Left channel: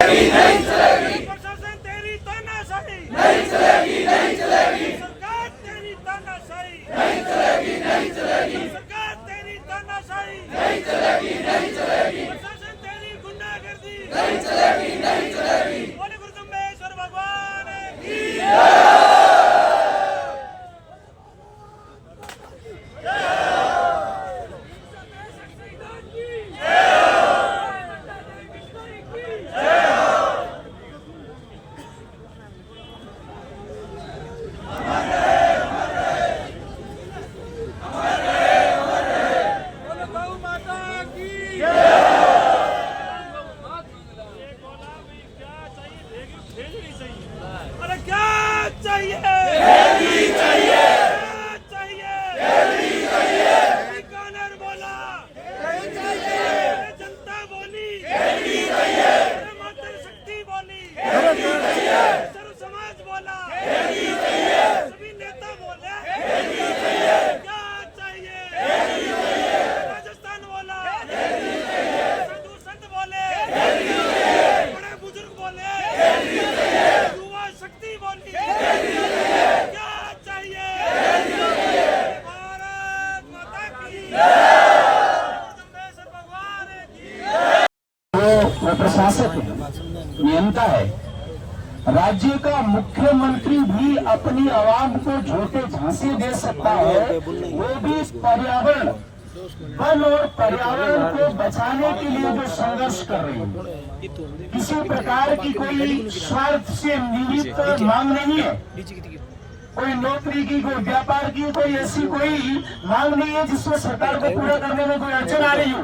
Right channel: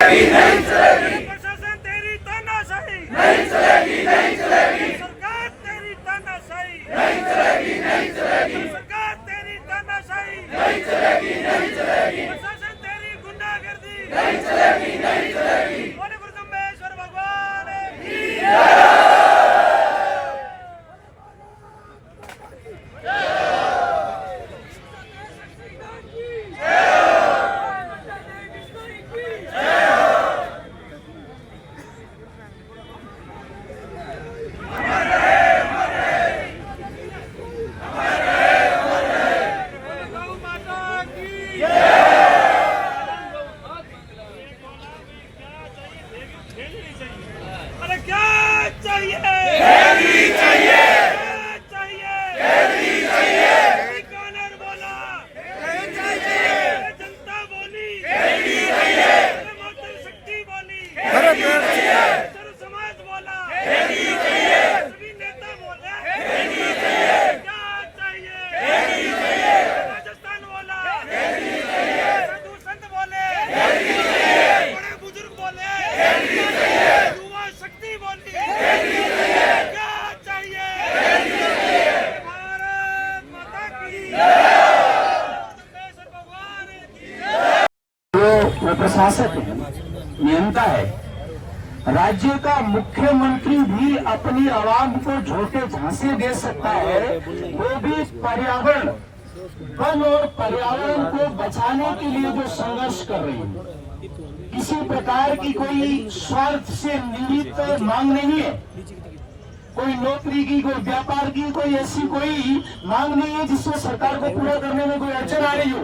प्रशासन तेरी तानाशाही नहीं चलेगी, नहीं चलेगी। सरकार तेरी तानाशाही नहीं चलेगी, नहीं चलेगी। सरकार तेरी तानाशाही नहीं चलेगी, नहीं चलेगी। प्रशासन तेरी गुंडागर्दी नहीं चलेगी, नहीं चलेगी। बोले गुरु ब्रह्मेश्वर भगवान की जय। अरे क्या चाहिए? चाहिए, चाहिए। बीकानेर बोला, जनता बोली, मातृ शक्ति बोली, सर्व समाज बोला, सभी नेता बोले, क्या चाहिए? राजस्थान बोला, साधु संत बोले, बड़े बुजुर्ग बोले, युवा शक्ति बोली, क्या चाहिए? भारत माता की जय। भगवान की जय। वो प्रशासक है, नियंता है। राज्य का मुख्यमंत्री भी अपनी आवाम को झोंके झांसे दे सकता है, वो भी पर्यावरण, वन और पर्यावरण को बचाने के लिए जो संघर्ष कर रही है। किसी प्रकार की कोई स्वार्थ से निमित्त मांग नहीं है, कोई नौकरी की, कोई व्यापार की, कोई ऐसी कोई मांग नहीं है जिसमें सरकार को पूरा करने में कोई अड़चन आ रही हो।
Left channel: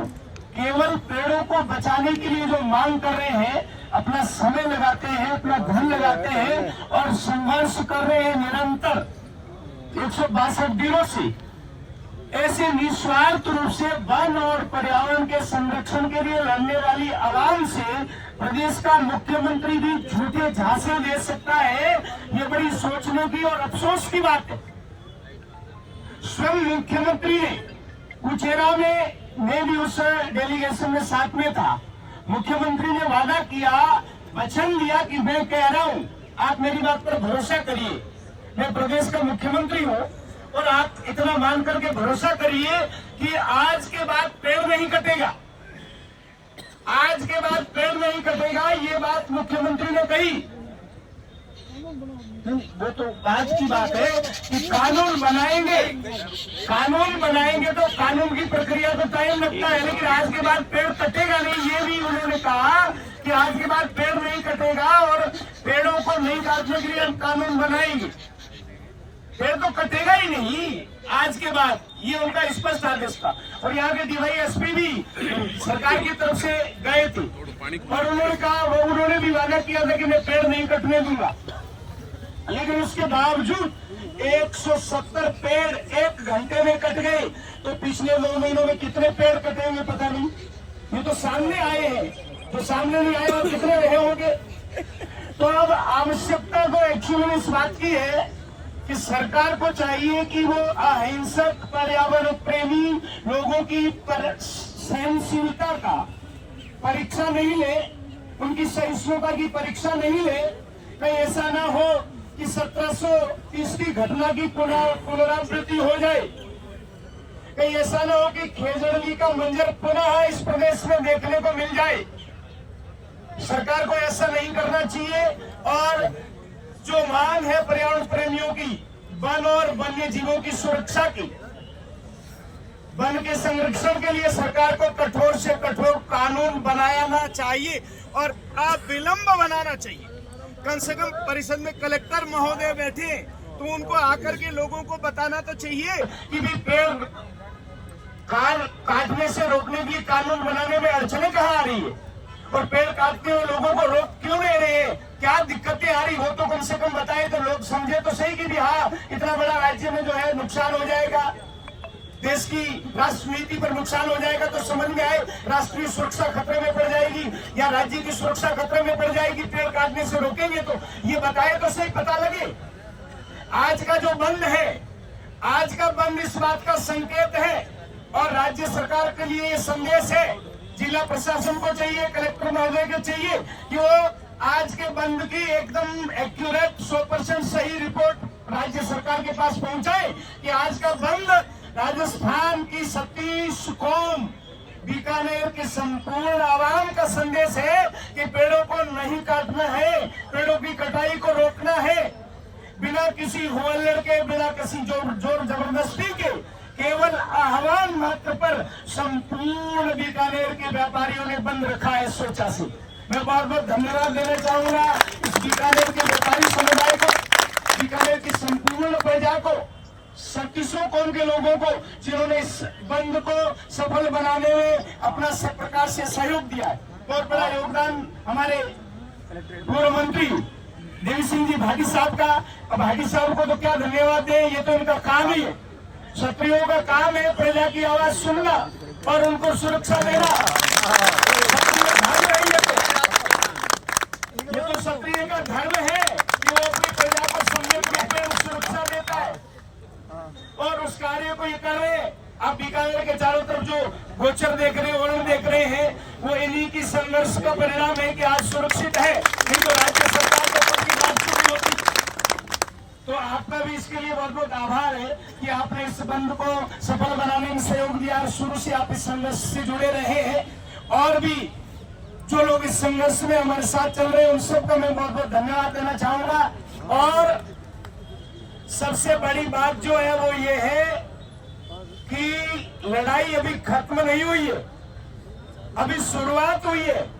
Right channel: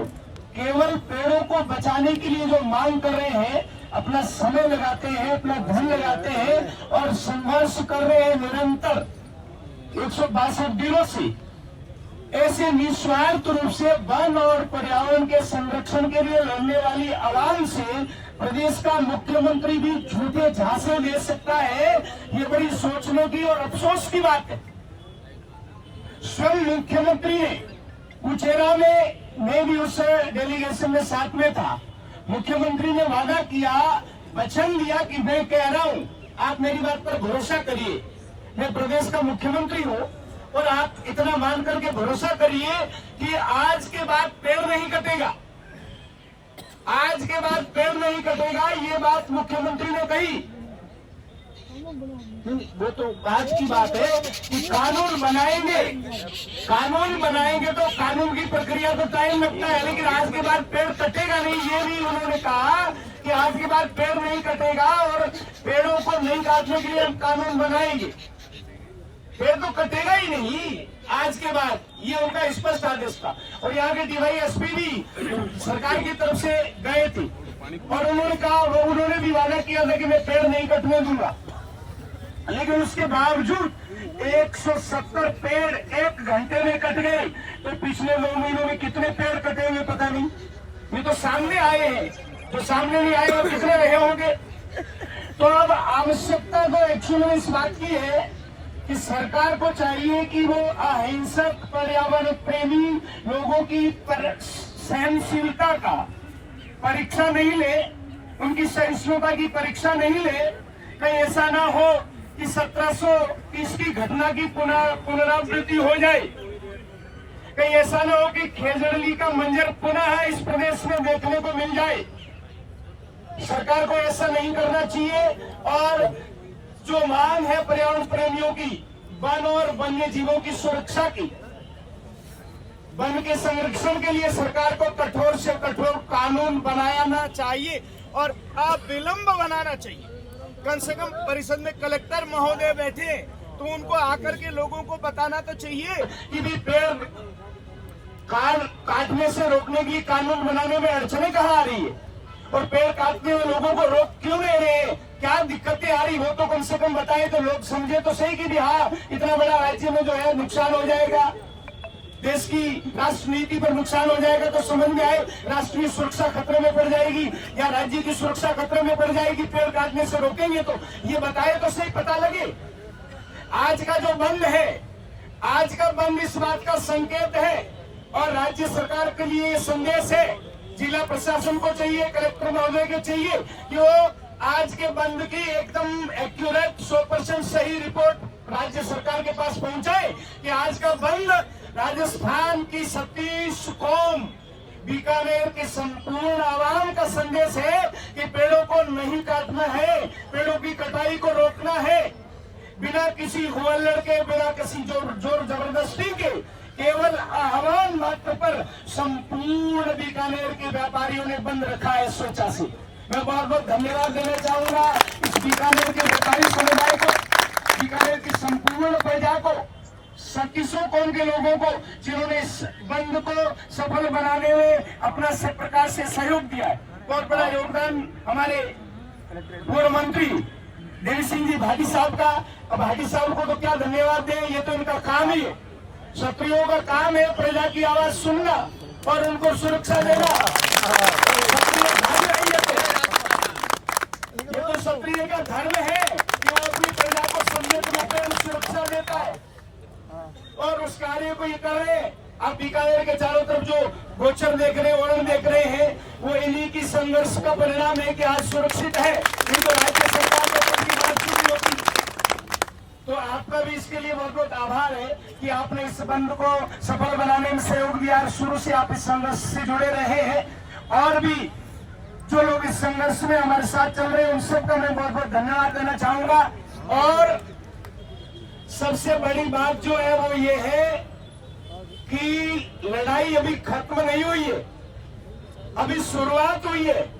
केवल पेड़ों को बचाने के लिए जो मांग कर रहे हैं, अपना समय लगाते हैं, अपना धन लगाते हैं और संघर्ष कर रहे हैं निरंतर 162 दिनों से। ऐसे निस्वार्थ रूप से वन और पर्यावरण के संरक्षण के लिए लड़ने वाली आवाम से प्रदेश का मुख्यमंत्री भी झूठे झांसे दे सकता है, ये बड़ी सोचने की और अफसोस की बात है। स्वयं मुख्यमंत्री ने कुचेरा में, मैं भी उस डेलीगेशन में साथ में था, मुख्यमंत्री ने वादा किया, वचन दिया कि मैं कह रहा हूं, आप मेरी बात पर भरोसा करिए, मैं प्रदेश का मुख्यमंत्री हूं और आप इतना मान करके भरोसा करिए कि आज के बाद पेड़ नहीं कटेगा, आज के बाद पेड़ नहीं कटेगा। ये बात मुख्यमंत्री ने कही। वो तो आज की बात है कि कानून बनाएंगे तो कानून की प्रक्रिया तो टाइम लगता है, लेकिन आज के बाद पेड़ कटेगा नहीं, ये भी उन्होंने कहा कि आज के बाद पेड़ नहीं कटेगा और पेड़ों को नहीं काटने के लिए हम कानून बनाएंगे। पेड़ तो कटेगा ही नहीं आज के बाद, ये उनका स्पष्ट आदेश था। और यहाँ के DYSP भी सरकार की तरफ से गए थे और उन्होंने कहा, वो उन्होंने भी वादा किया था कि मैं पेड़ नहीं कटने दूंगा, लेकिन उसके बावजूद 170 पेड़ 1 घंटे में कट गए। तो पिछले 9 महीनों में कितने पेड़ कटेंगे पता नहीं। ये तो सामने आए हैं, जो सामने नहीं आए वो कितने रहे होंगे। तो अब आवश्यकता तो एक्चुअली इस बात की है कि सरकार को चाहिए कि वो अहिंसक पर्यावरण प्रेमी लोगों की सहनशीलता का परीक्षा नहीं ले, उनकी सहिष्णुता की परीक्षा नहीं ले। कहीं ऐसा ना हो कि 1730 की घटना की पुनरावृत्ति हो जाए, कहीं ऐसा ना हो कि खेजड़ली का मंजर पुनः इस प्रदेश में देखने को मिल जाए। सरकार को ऐसा नहीं करना चाहिए। और जो मांग है पर्यावरण प्रेमियों की, वन और वन्य जीवों की सुरक्षा की, वन के संरक्षण के लिए सरकार को कठोर से कठोर कानून बनाना चाहिए और अविलंब बनाना चाहिए। कम से कम परिषद में कलेक्टर महोदय बैठे तो उनको आकर के लोगों को बताना तो चाहिए कि भी पेड़ काटने से रोकने के लिए कानून बनाने में अड़चने कहाँ आ रही है और पेड़ काटते हुए लोगों को रोक क्यों नहीं रहे, क्या दिक्कतें आ रही, वो तो कम से कम बताएं तो लोग समझे तो सही कि भी हाँ, इतना बड़ा राज्य में जो है नुकसान हो जाएगा, देश की राष्ट्र नीति पर नुकसान हो जाएगा, तो समझ में आए राष्ट्रीय सुरक्षा खतरे में पड़ जाएगी या राज्य की सुरक्षा खतरे में पड़ जाएगी। पेड़ काटने से रोकेंगे तो ये बताए तो सही, पता लगे। आज का जो बंद है, आज का बंद इस बात का संकेत है और राज्य सरकार के लिए ये संदेश है जिला प्रशासन को चाहिए, कलेक्टर महोदय को चाहिए कि वो आज के बंद की एकदम एक्यूरेट 100% सही रिपोर्ट राज्य सरकार के पास पहुंचाए कि आज का बंद राजस्थान की 37 कौम, बीकानेर के संपूर्ण आवाम का संदेश है कि पेड़ों को नहीं काटना है, पेड़ों की कटाई को रोकना है, बिना किसी हुल्लड़ के, बिना किसी जोर जबरदस्ती के, केवल आह्वान मात्र पर संपूर्ण बीकानेर के व्यापारियों ने बंद रखा है स्वेच्छा से। मैं बहुत बहुत धन्यवाद देना चाहूंगा इस बीकानेर के व्यापारी समुदाय को, बीकानेर की संपूर्ण प्रजा को, 37 कौम के लोगों को जिन्होंने इस बंद को सफल बनाने में अपना सब प्रकार से सहयोग दिया है। बहुत बड़ा योगदान हमारे पूर्व मंत्री देवी सिंह जी भाटी साहब का। अब भाटी साहब को तो क्या धन्यवाद दें, ये तो इनका काम ही है। क्षत्रियों का काम है प्रजा की आवाज सुनना और उनको सुरक्षा देना। क्षत्रिय धर्म है ये तो क्षत्रिय का धर्म है कि वो अपनी प्रजा को सम्मान देते हैं, सुरक्षा देता है और उस कार्य को ये कर रहे हैं। आप बीकानेर के चारों तरफ जो गोचर देख रहे हैं, वर्ण देख रहे हैं, वो इन्हीं की संघर्ष का परिणाम है कि आज सुरक्षित है। नहीं तो राज्य सरकार को अपनी बात नहीं होती। तो आपका भी इसके लिए बहुत बहुत आभार है कि आपने इस बंद को सफल बनाने में सहयोग दिया। शुरू से आप इस संघर्ष से जुड़े रहे हैं और भी जो लोग इस संघर्ष में हमारे साथ चल रहे हैं उन सबका मैं बहुत बहुत धन्यवाद देना चाहूंगा। और सबसे बड़ी बात जो है वो ये है कि लड़ाई अभी खत्म नहीं हुई है, अभी शुरुआत हुई है।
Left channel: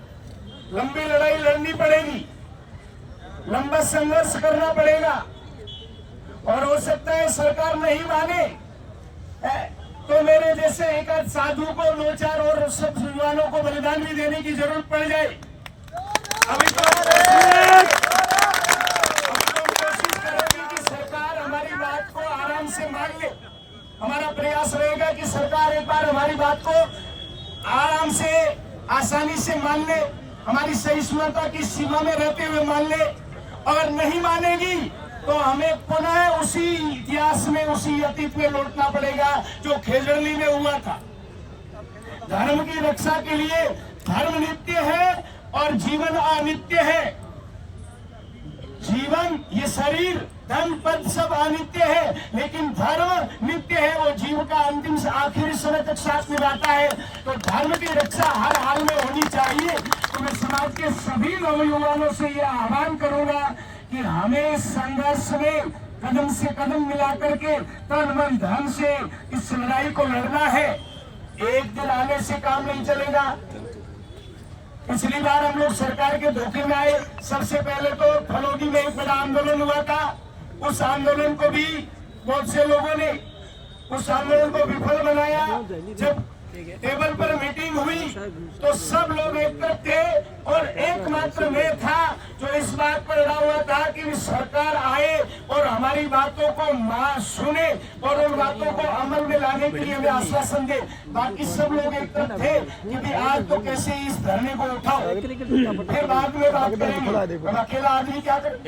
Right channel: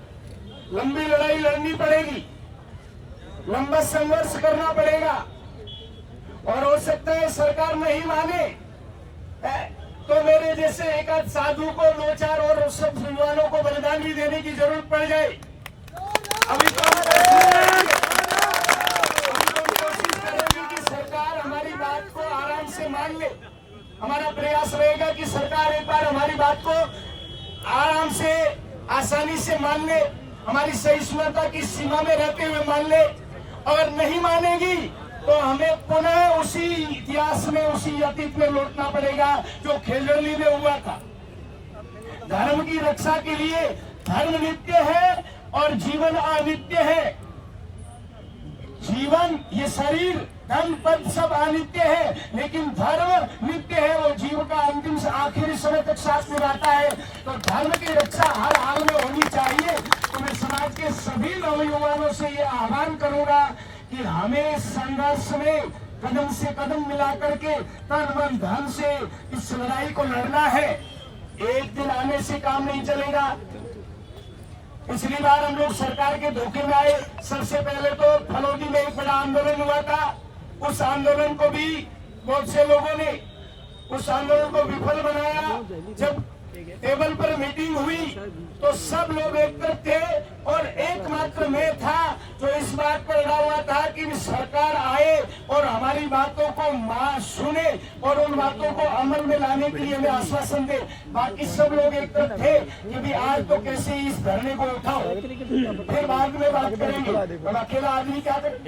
लंबी लड़ाई लड़नी पड़ेगी, लंबा संघर्ष करना पड़ेगा और हो सकता है सरकार नहीं माने तो मेरे जैसे एक आध साधु को, 2-4 और सब युवाओं को बलिदान भी देने की जरूरत पड़ जाए। अभी तो कोशिश करेंगे कि सरकार हमारी बात को आराम से मान ले। हमारा प्रयास रहेगा कि सरकार एक बार हमारी बात को आराम से, आसानी से मान ले, हमारी सहिष्णुता की सीमा में रहते हुए मान ले। अगर नहीं मानेगी तो हमें पुनः उसी इतिहास में, उसी अतीत में लौटना पड़ेगा जो खेजड़ली में हुआ था। धर्म की रक्षा के लिए धर्म नित्य है और जीवन अनित्य है। जीवन, ये शरीर, धन पद सब अनित्य है, लेकिन धर्म नित्य है। वो जीव का अंतिम से आखिरी समय तक साथ निभाता है। तो धर्म की रक्षा हर हाल में होनी चाहिए। तो मैं समाज के सभी नौजवानों से ये आह्वान करूंगा कि हमें संघर्ष में कदम से कदम मिला करके तन मन धन से इस लड़ाई को लड़ना है। एक दिन आने से काम नहीं चलेगा। पिछली बार हम लोग सरकार के धोखे में आए। सबसे पहले तो फलौदी में एक बड़ा आंदोलन हुआ था। उस आंदोलन को भी बहुत से लोगों ने उस आंदोलन को विफल बनाया। जब टेबल पर मीटिंग हुई तो सब लोग एक तरफ थे और एकमात्र मैं था जो इस बात पर अड़ा हुआ था कि सरकार आए और हमारी बातों को सुने और उन बातों को अमल में लाने के लिए हमें आश्वासन दे। बाकी सब लोग एक तरफ थे कि भी आज तो कैसे इस धरने को उठाओ, फिर बाद में बात करेंगे। हम अकेला आदमी क्या करें,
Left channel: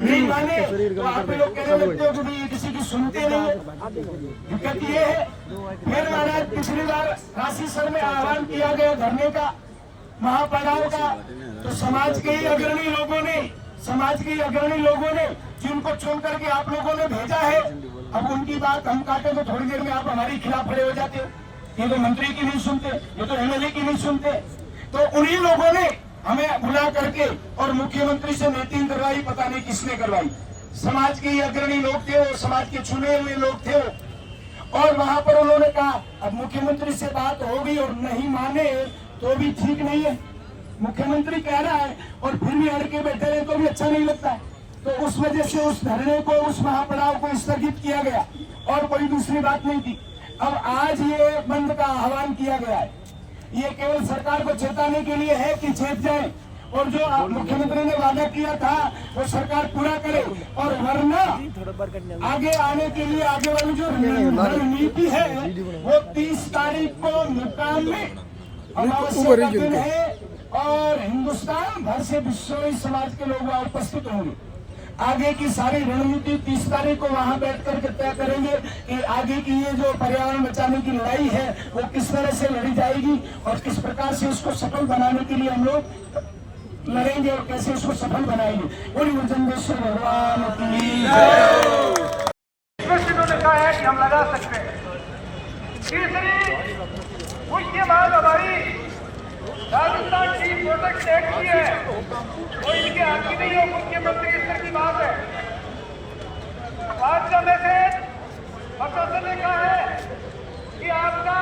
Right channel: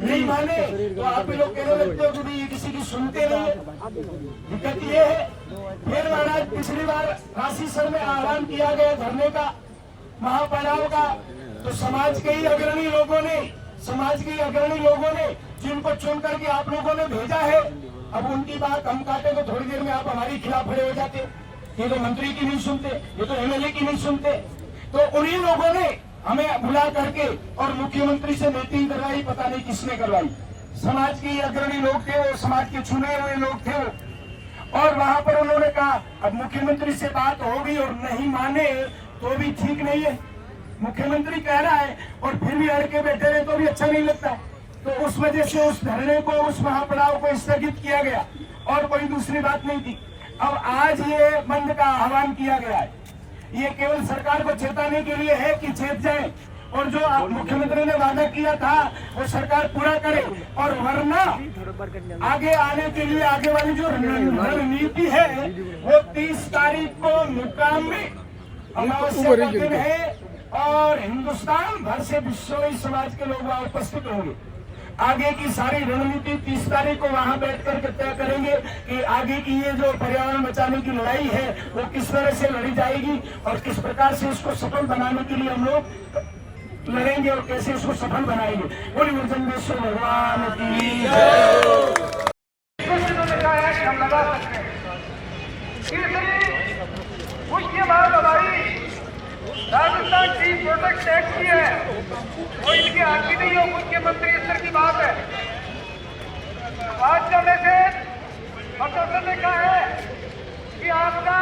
नहीं माने तो आप लोग कहने लगते हो कि किसी की सुनते नहीं। दिक्कत ये है। फिर महाराज पिछली बार काशी सर में आह्वान किया गया धरने का, महापड़ाव का, तो समाज के ही अग्रणी लोगों ने जिनको चुन करके आप लोगों ने भेजा है, अब उनकी बात हम काटे तो थोड़ी देर में आप हमारे खिलाफ खड़े हो जाते। ये तो मंत्री की नहीं सुनते, ये तो एमएलए की नहीं सुनते। तो उन्हीं लोगों ने हमें बुला करके और मुख्यमंत्री से मीटिंग करवाई, पता नहीं किसने करवाई। समाज के अग्रणी लोग थे, वो समाज के चुने हुए लोग थे और वहां पर उन्होंने कहा अब मुख्यमंत्री से बात हो गई और नहीं माने तो भी ठीक नहीं है। मुख्यमंत्री कह रहा है और फिर भी अड़ के बैठे रहे तो भी अच्छा नहीं लगता है। तो उस वजह से उस धरने को, उस महापड़ाव को स्थगित किया गया और कोई दूसरी बात नहीं थी। अब आज ये बंद का आह्वान किया गया है। ये केवल सरकार को चेताने के लिए है कि चेत जाए और जो मुख्यमंत्री ने वादा किया था वो सरकार पूरा करे, और वरना आगे आने के लिए आगे वाली जो रणनीति है वो 30 तारीख को मुकाम में अमावस्या का दिन है और हिंदुस्तान भर से विश्व समाज के लोग वहां उपस्थित होंगे। आगे की सारी रणनीति 30 तारीख को वहां बैठकर के तय करेंगे कि आगे की ये जो पर्यावरण बचाने की लड़ाई है वो किस तरह से लड़ी जाएगी और किस प्रकार से उसको सफल बनाने के लिए हम लोग लड़ेंगे और कैसे उसको सफल बनाएंगे। बोलिए गुरुजंबेश्वर भगवान की जय। इन्होंने कहा है कि हम लगा सकते हैं। तीसरी मुख्य बात हमारी राजस्थान की प्रोटेक्ट एक्ट की है, वो इनके हाथ की नहीं हो, मुख्यमंत्री स्तर की बात है। आज का मैसेज प्रशासन ने कहा है कि आपका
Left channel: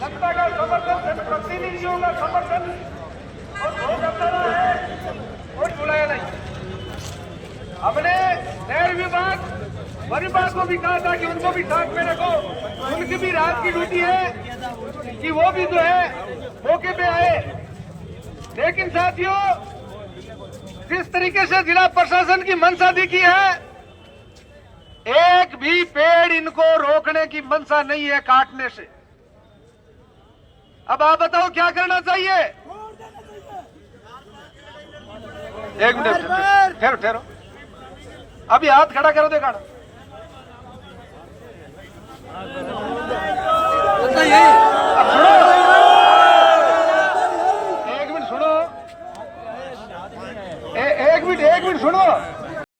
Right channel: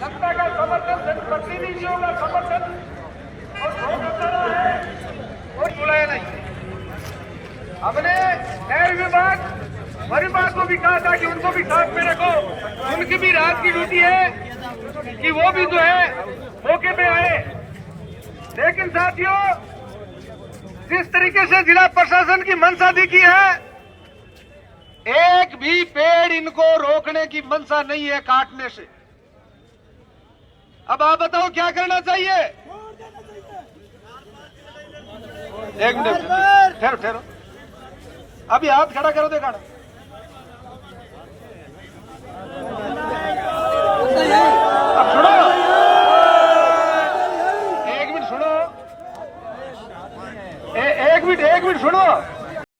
जनता का समर्थन, जनप्रतिनिधियों का समर्थन और बुलाया नहीं। हमने नहर विभाग वन विभाग को भी कहा था कि उनको भी साथ में रखो, उनकी भी रात की ड्यूटी है कि वो भी जो है मौके पे आए। लेकिन साथियों, जिस तरीके से जिला प्रशासन की मंशा दिखी है, एक भी पेड़ इनको रोकने की मंशा नहीं है काटने से। अब आप बताओ क्या करना चाहिए? एक मिनट ठहरो, अभी हाथ खड़ा करो, देखा अब सुनो, एक मिनट सुनो, एक मिनट सुनो।